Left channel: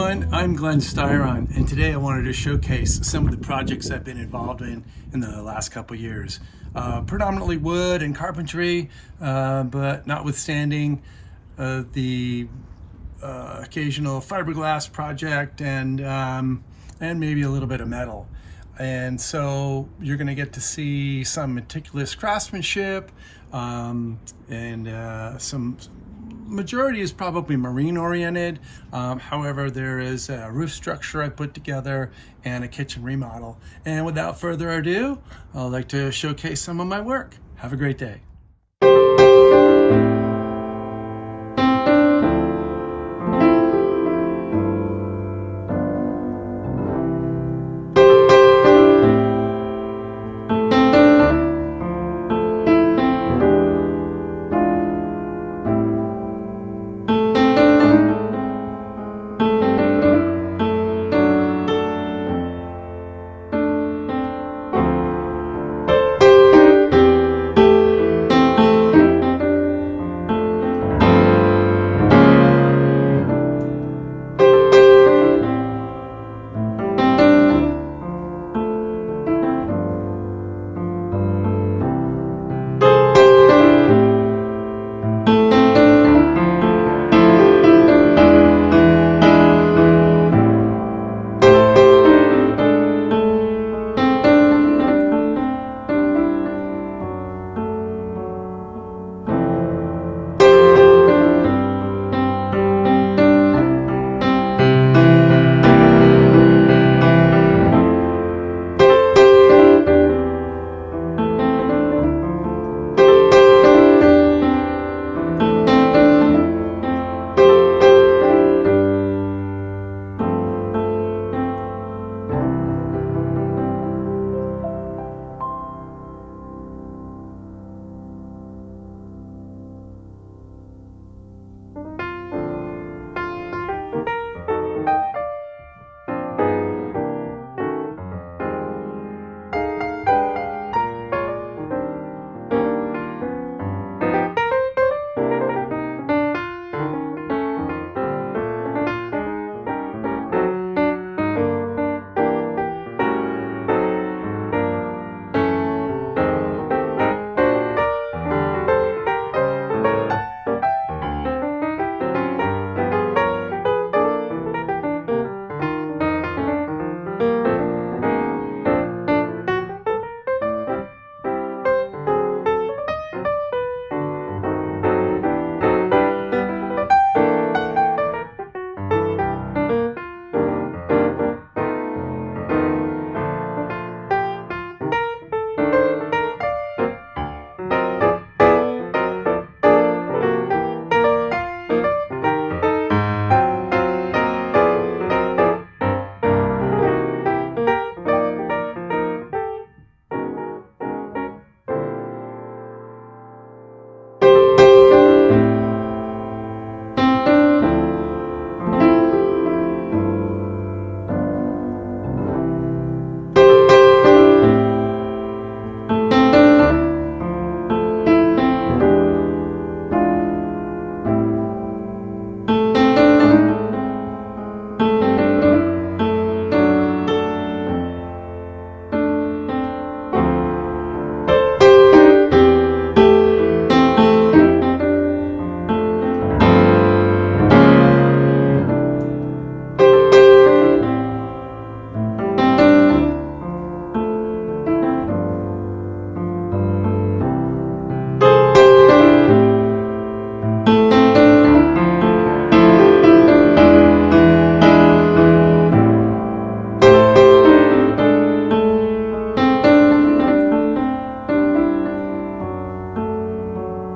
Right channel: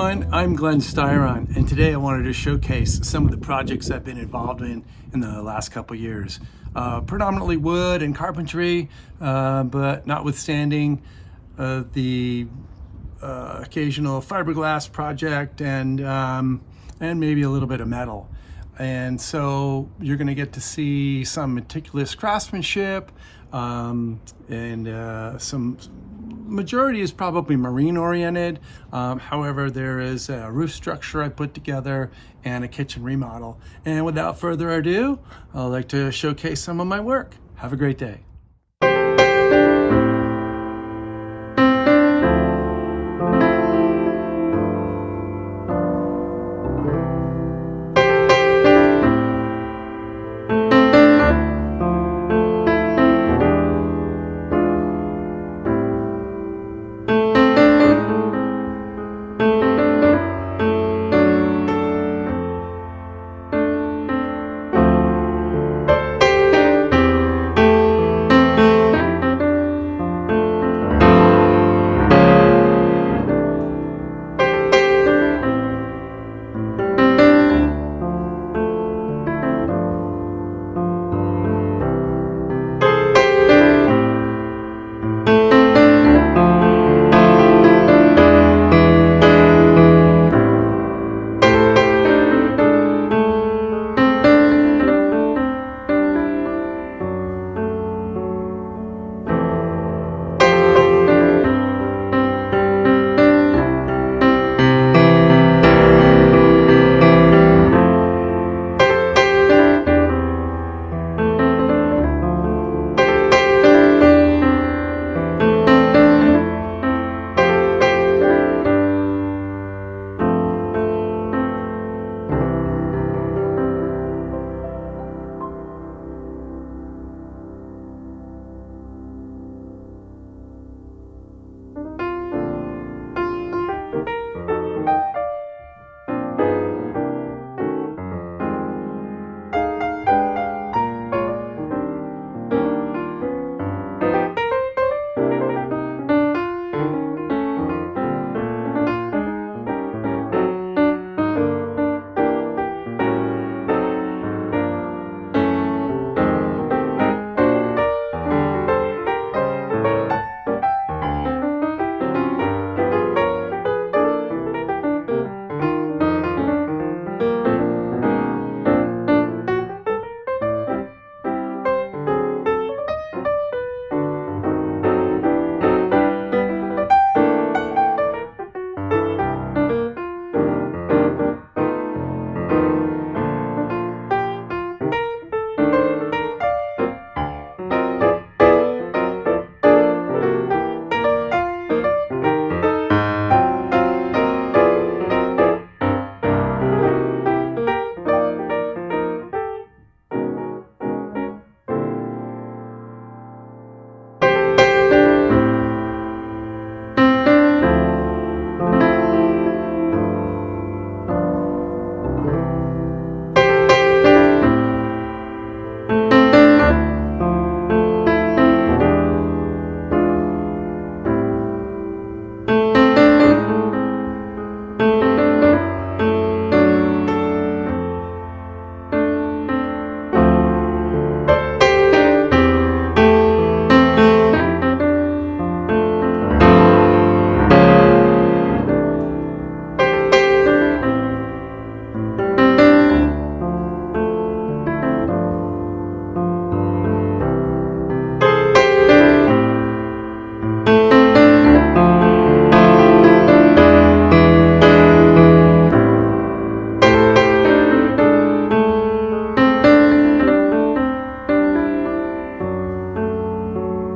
everyone, I'm Glenn Styron, and today I wanted to showcase some of the projects I've been involved in the last couple years. Predominantly wood and carpentry, but notwithstanding the occasional fiberglass project and maybe a little bit of metal. And so you're going to get to see some meticulous craftsmanship, and some majority is probably marine oriented. However, there is a roof structure I put together and a kitchen remodel. And without further ado, I'd like to showcase some of my work. Have a great day.